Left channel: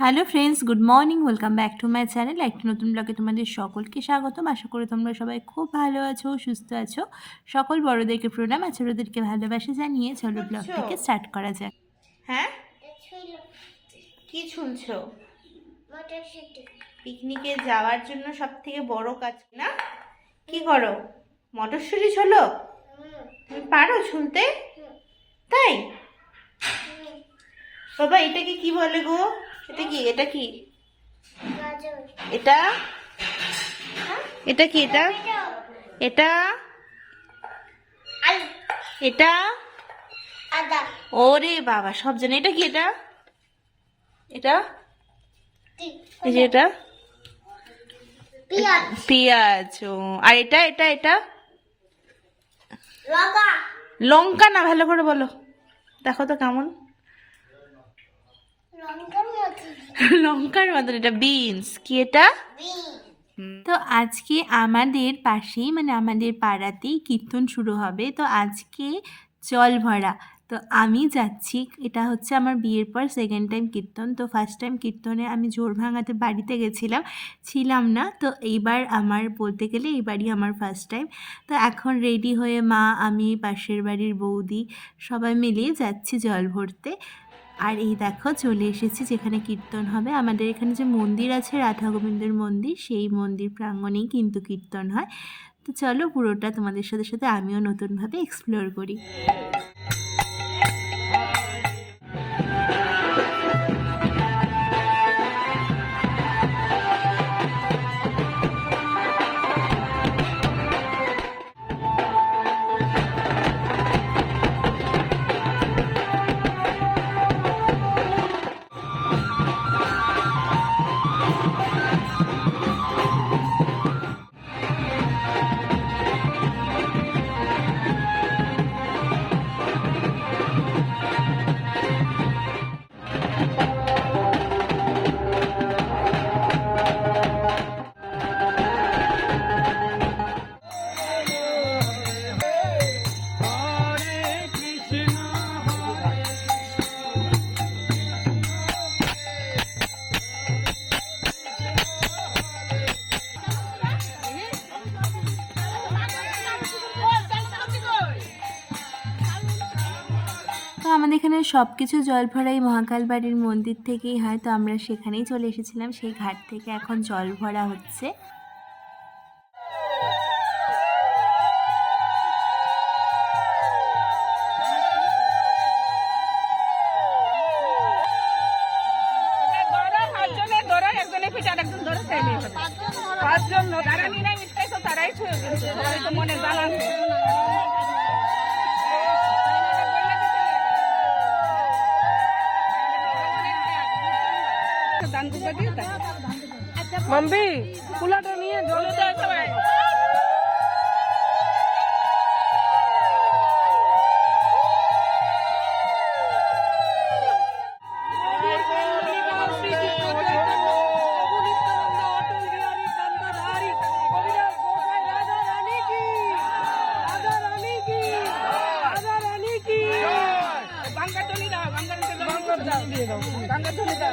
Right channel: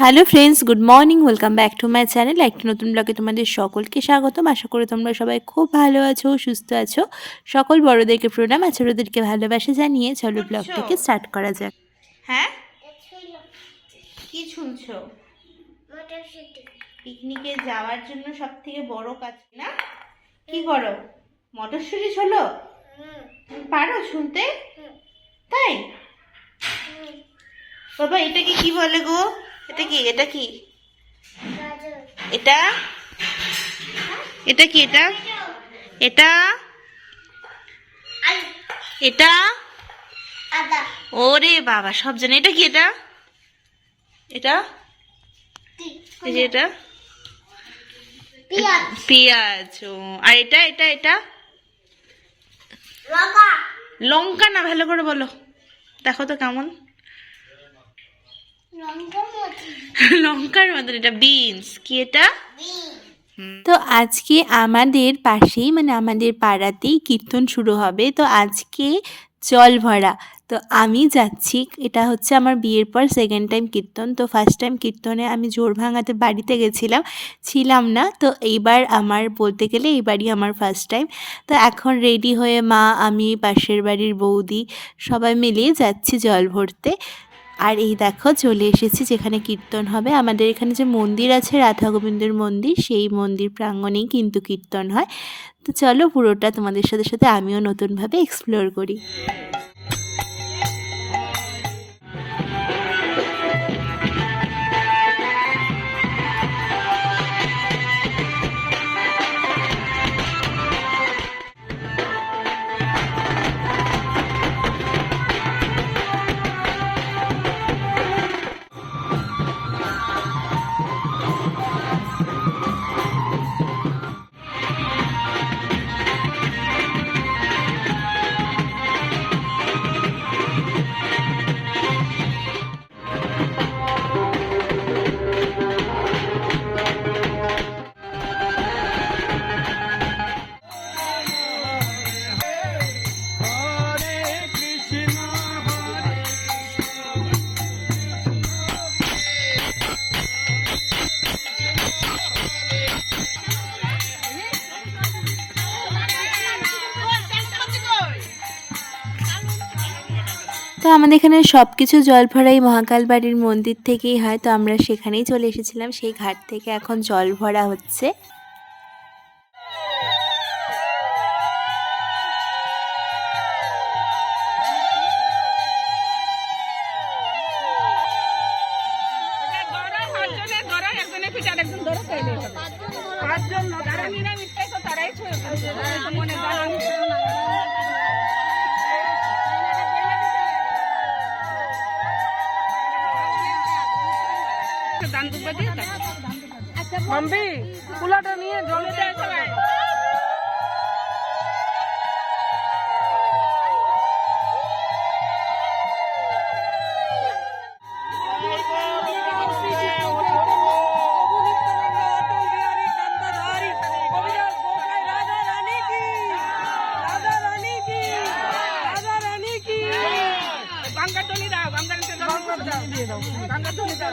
Hello friends, good morning. Welcome back to my channel. একটি নতুন ব্লগে তোমাদের সকলকে স্বাগতম। আশা করি তোমরা সবাই খুব ভালো আছো, সুস্থ আছো। সকল বড়োদেরকে প্রণাম আর ছোটোদেরকে ভালোবাসা জানিয়ে চলো ব্লগটাকে স্টার্ট করা যাক। হ্যাঁ, কি শুনছো? পিকনিকে যাওয়ার জন্য সব থেকে বড় কাজ না কি করো? মটরশুঁটি ছোলো? তুমি পারো শুনতে? তাই বাবা, এটাকে কি বলে গো? এটা কি এটা কি এটা এটা কি এটা এটা এটা ওরে বাবা, সব জানে। এটা কি এটা এটা এই যে এটা পেঁয়াজ। ও, আর এটা এটা এটা লঙ্কা না, ভালো করে বলো, দেখো তো কেমন। লঙ্কার মতন। এটা বিনস। কি এটা? তো আজকে আমাদের পাশেই মানে আমাদের পাড়াতেই কীর্তন শুরু হবে। তো আজকে জল ভরা। তো আমি যাচ্ছি, এটা হচ্ছে আমার বিয়ের পর সেকেন্ড টাইম কীর্তন। তো ফার্স্ট টাইম কীর্তনে আমি জোর ভাঙাতে বাড়িতে গেছিলাম, ছিলাম না। তো এইবার আমার বলতে গেলে এইবারই আমার ফার্স্ট টাইম। তো এখন রেডি হয়ে মা, আমি, পাশের বাড়ির বৌদি সবাই মিলিয়ে যাচ্ছি জল ভরতে। আর এই দেখো চলে এসেছি যেখানে কীর্তন হবে। আমাদের এখানে যে মন্দির আছে, রাধা গোবিন্দের মন্দির, সেই মন্দির প্রাঙ্গণেই কিন্তু কীর্তন হয়। তো চলো পুরোটা তোমাদের সাথে সাথে আমিও নতুনভাবে এক্সপ্লোর করি। তো আমাদের এখানে সব কিছু জল ভরাই মহাকাল বাড়ির মন্দির থেকেই হয়। তো আমরা সেখানেই চলে এসেছিলাম, সেই ঘাট থেকে এখন জল ভরা হচ্ছে। মম্বি কুলাটা নিয়ে জলে দিয়ে দাও গঙ্গা চলে দাও।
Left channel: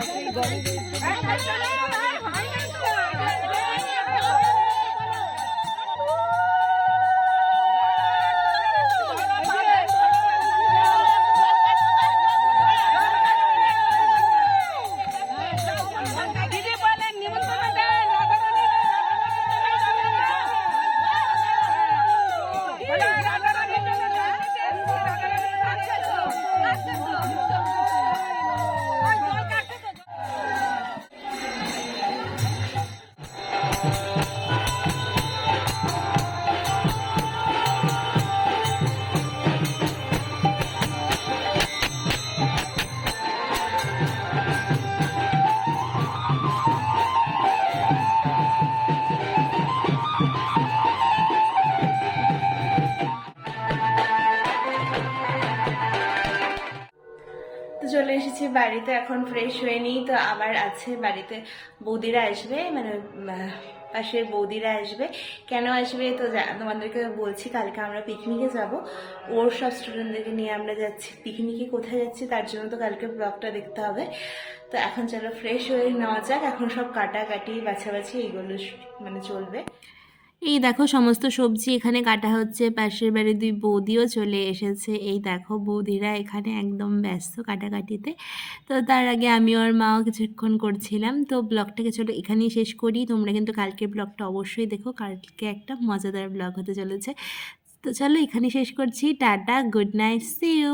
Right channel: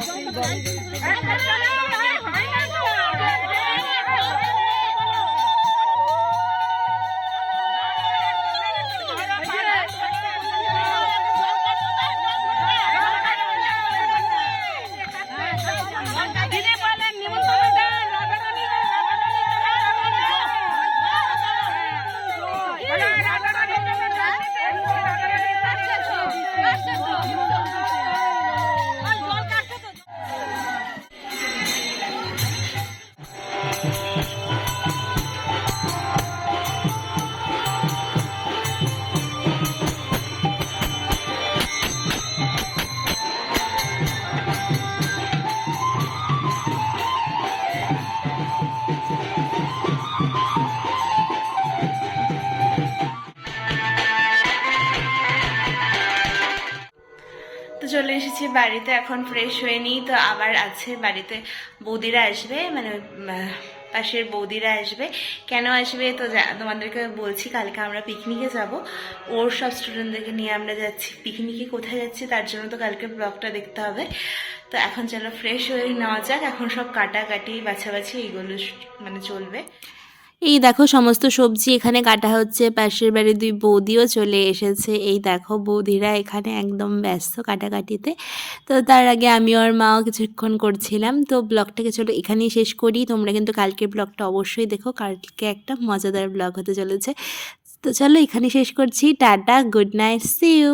চলে এসেছি বাড়িতে, এখন ফ্রেশ হয়ে নিই। তো আবার আছে বাড়িতে বৌদিরা আসবে, মানে পাশের বৌদিরা আসবে। কেন আসবে তো তোমাদেরকে বলছি, কালকে আমরা পিকনিকে যাব, ওর সব স্টুডেন্টদেরকে নিয়ে আমরা যাচ্ছি পিকনিকে। কোথায় যাচ্ছি তার জন্য তো কালকে ব্লগটা দেখতে হবে। তো এখন চলো ফ্রেশ হয়ে নেওয়া যাক। এখন সব কাটাকাটি বাছাবাছি এইগুলো মানে চলবে। এই দেখো সমস্ত সবজি এখানে কাটা হচ্ছে, পাশের বাড়ির 2 বৌদিও চলে এসেছে। এই দেখো বৌদিরা এখানে একদম ব্যস্ত কাটাকাটিতে। তো তার আগে আমি আর মাও কিছুক্ষণ করছিলাম। তো ব্লগটাকে চলো এখানেই শেষ করি। তোমরা কিন্তু কালকের ব্লগটা অবশ্যই দেখো, কালকে একটা মজাদার ব্লগ হতে চলেছে। তো চলো এখানেই শেষ করছি। Tata, good night, see you.